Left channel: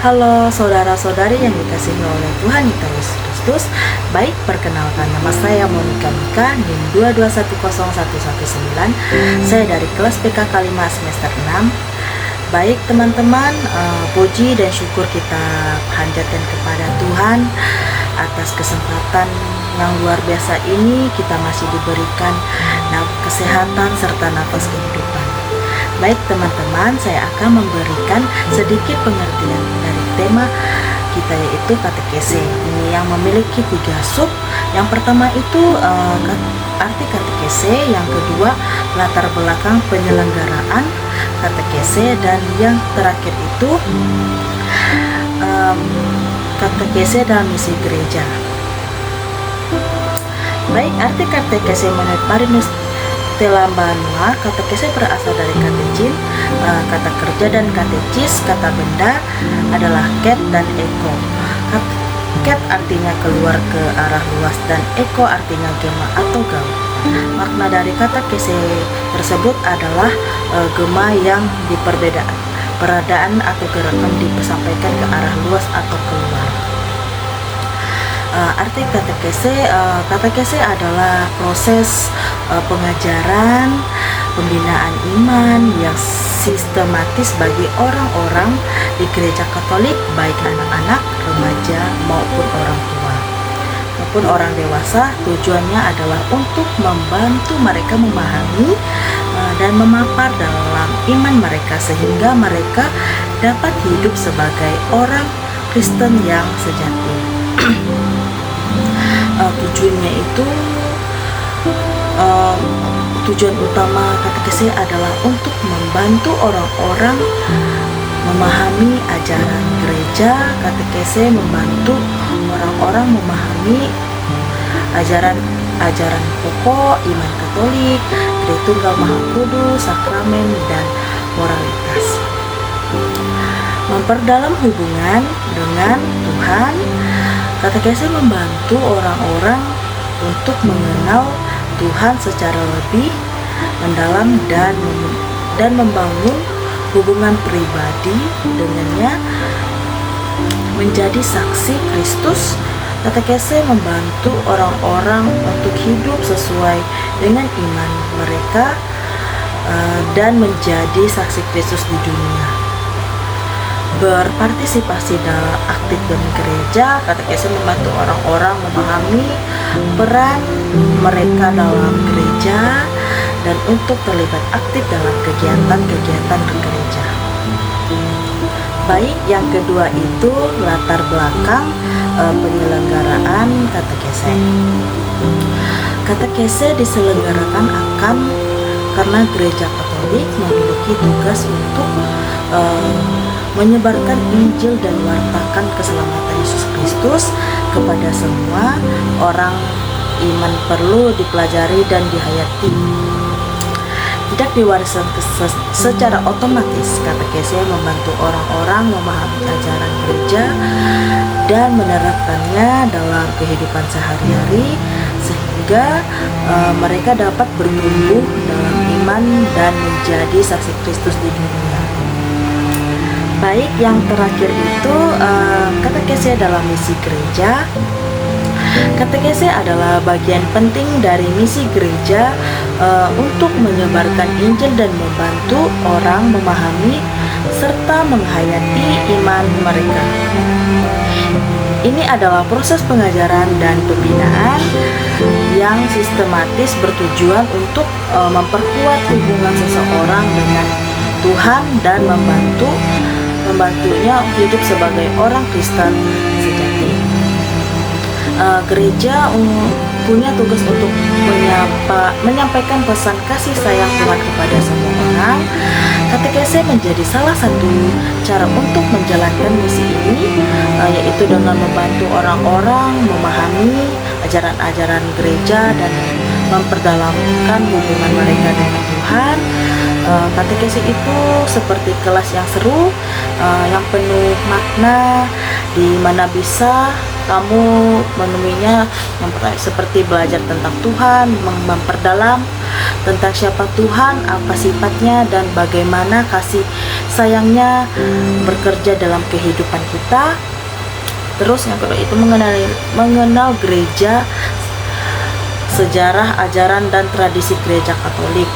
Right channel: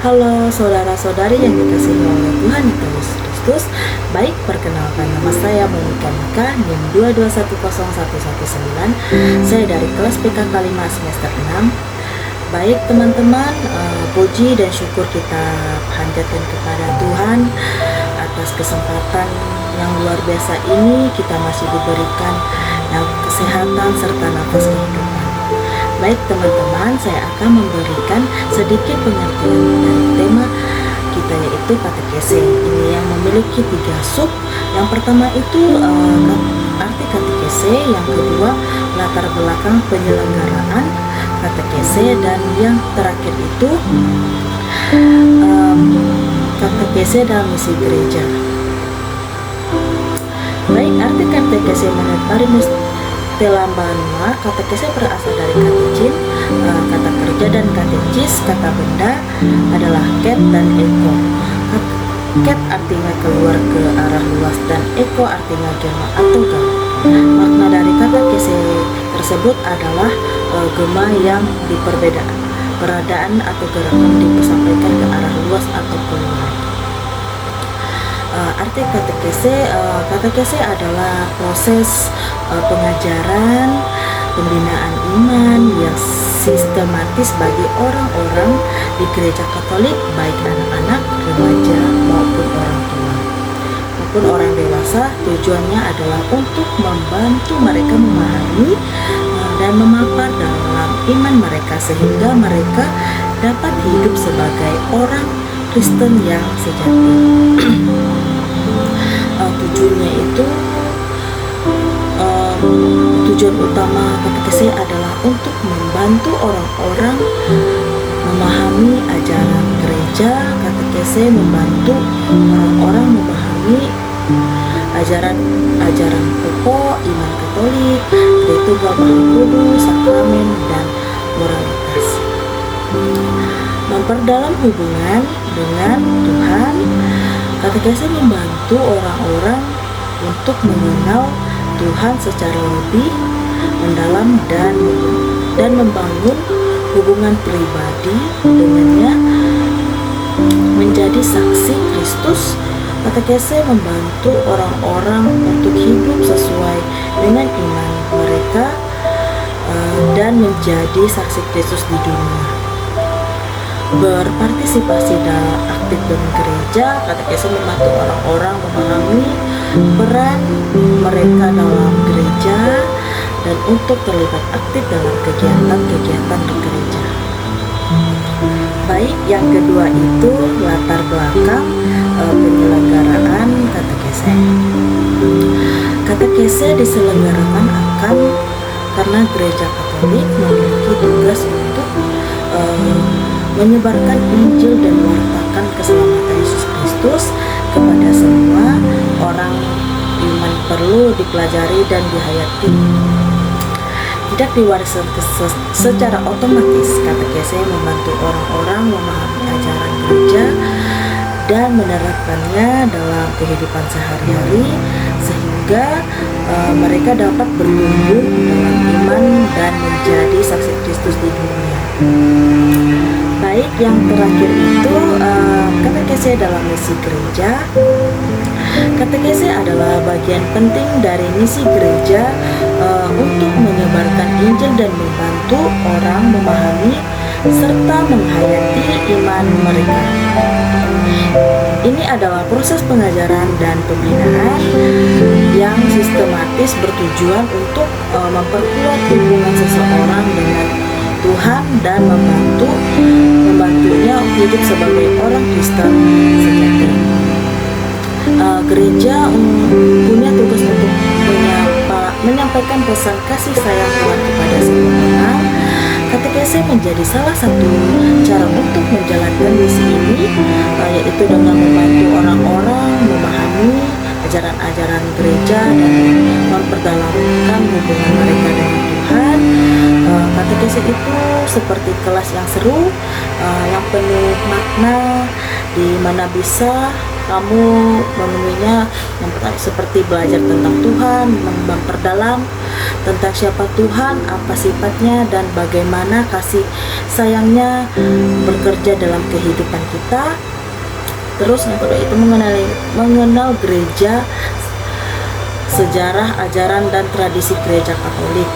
Halo saudara-saudari yang dikasihi oleh Tuhan Yesus Kristus. Baik, perkenalkan, nama saya Monika Mika, NIM 2210119. Saya dari kelas PKK 5 semester 6. Baik teman-teman, puji dan syukur kita panjatkan kepada Tuhan atas kesempatan yang luar biasa ini. Kita masih diberikan kesehatan serta nafas kehidupan. Baik teman-teman, saya akan memberikan sedikit pengertian dari tema kita, yaitu katekese. Ini yang memiliki 3 sub. Yang pertama itu arti katekese, yang kedua latar belakang penyelenggaraan katekese, dan yang terakhir itu katekese dalam misi gereja. Baik, arti katekese menurut Marinus Telambanua, katekese berasal dari katechin, kata kerja, dan katecis, kata benda, adalah ket dan eko. Ket artinya keluar ke arah luas dan eko artinya gema atau gaul. Makna dari katekese tersebut adalah gema yang diperadaan atau gerakan disampaikan ke arah luas atau keluar. Arti katekese adalah proses pengajaran, pembinaan iman yang sistematis bagi orang-orang di gereja Katolik, baik anak-anak, remaja maupun orang tua maupun orang dewasa. Tujuannya adalah untuk membantu mereka memahami dan memapar dalam iman mereka, sehingga mereka dapat hidup sebagai orang Kristen yang sejati. Tujuan utama katekese adalah untuk membantu orang-orang memahami ajaran gereja. Katekese membantu orang-orang memahami ajaran pokok iman Katolik, Tritunggal Maha Kudus, sakramen, dan moralitas. Memperdalam hubungan dengan Tuhan. Katekese membantu orang-orang untuk mengenal Tuhan secara lebih mendalam dan membangun hubungan pribadi dengannya, menjadi saksi Kristus. Katekese membantu orang-orang untuk hidup sesuai dengan iman mereka dan menjadi saksi Kristus di dunia. Berpartisipasi dalam aktif dalam gereja. Katekese membantu orang-orang memahami peran mereka dalam gereja dan untuk terlibat aktif dalam kegiatan-kegiatan gereja. Baik, yang kedua itu latar belakang penyelenggaraan katekese. Katekese diselenggarakan karena gereja Katolik memiliki tugas untuk menyebarkan Injil dan wartakan keselamatan Yesus Kristus kepada semua orang. Iman perlu dipelajari dan dihayati, tidak diwariskan secara otomatis. Katekese membantu orang-orang memahami ajaran gereja dan menerapkannya dalam kehidupan sehari-hari, sehingga mereka dapat bertumbuh dalam iman dan menjadi saksi Kristus di dunia. Baik, yang terakhir itu katekese dalam misi gereja. Katekese adalah bagian penting dari misi gereja untuk menyebarkan Injil dan membantu orang memahami serta menghayati iman mereka. Ini adalah proses pengajaran dan pembinaan yang sistematis bertujuan untuk memperkuat hubungan seseorang dengan Tuhan dan membantunya hidup sebagai orang Kristen sejati. Gereja punya tugas untuk menyampaikan pesan kasih sayang Tuhan kepada semua orang. Katekese menjadi salah satu cara untuk menjalankan misi ini, yaitu dengan membantu orang-orang memahami ajaran-ajaran gereja dan memperdalamkan hubungan mereka dengan Tuhan. Katekese itu seperti kelas yang seru, yang penuh makna, di mana bisa kamu memenuhinya yang pertama seperti belajar tentang Tuhan, memperdalam tentang siapa Tuhan, apa sifatnya, dan bagaimana kasih sayangnya bekerja dalam kehidupan kita. Terus yang kedua itu mengenal gereja, sejarah, ajaran, dan tradisi gereja Katolik.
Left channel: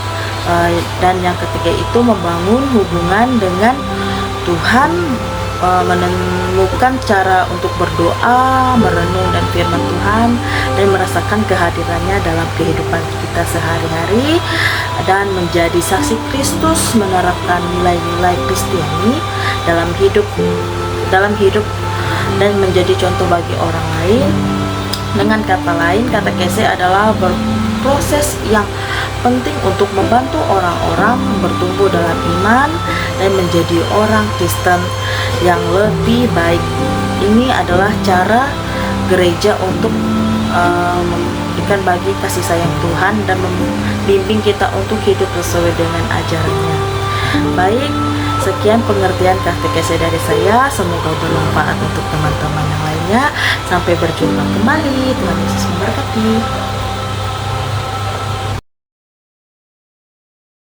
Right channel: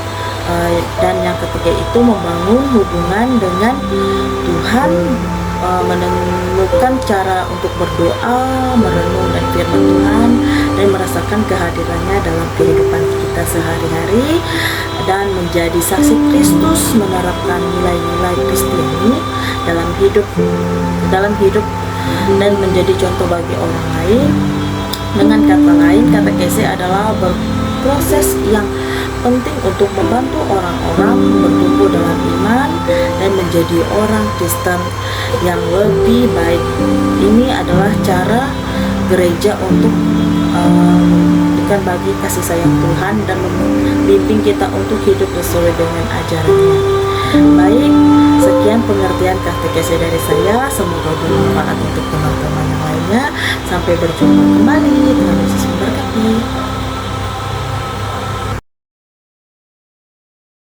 Dan yang ketiga itu membangun hubungan dengan Tuhan, menemukan cara untuk berdoa, merenung dan firman Tuhan, dan merasakan kehadirannya dalam kehidupan kita sehari-hari, dan menjadi saksi Kristus, menerapkan nilai-nilai Kristiani dalam hidup dan menjadi contoh bagi orang lain. Dengan kata lain, katekese adalah berproses yang penting untuk membantu orang-orang bertumbuh dalam iman dan menjadi orang Kristen yang lebih baik. Ini adalah cara gereja untuk memberikan bagi kasih sayang Tuhan dan membimbing kita untuk hidup sesuai dengan ajarannya. Baik, sekian pengertian katekese dari saya. Semoga bermanfaat untuk teman-teman yang lainnya. Sampai berjumpa kembali. Tuhan Yesus memberkati.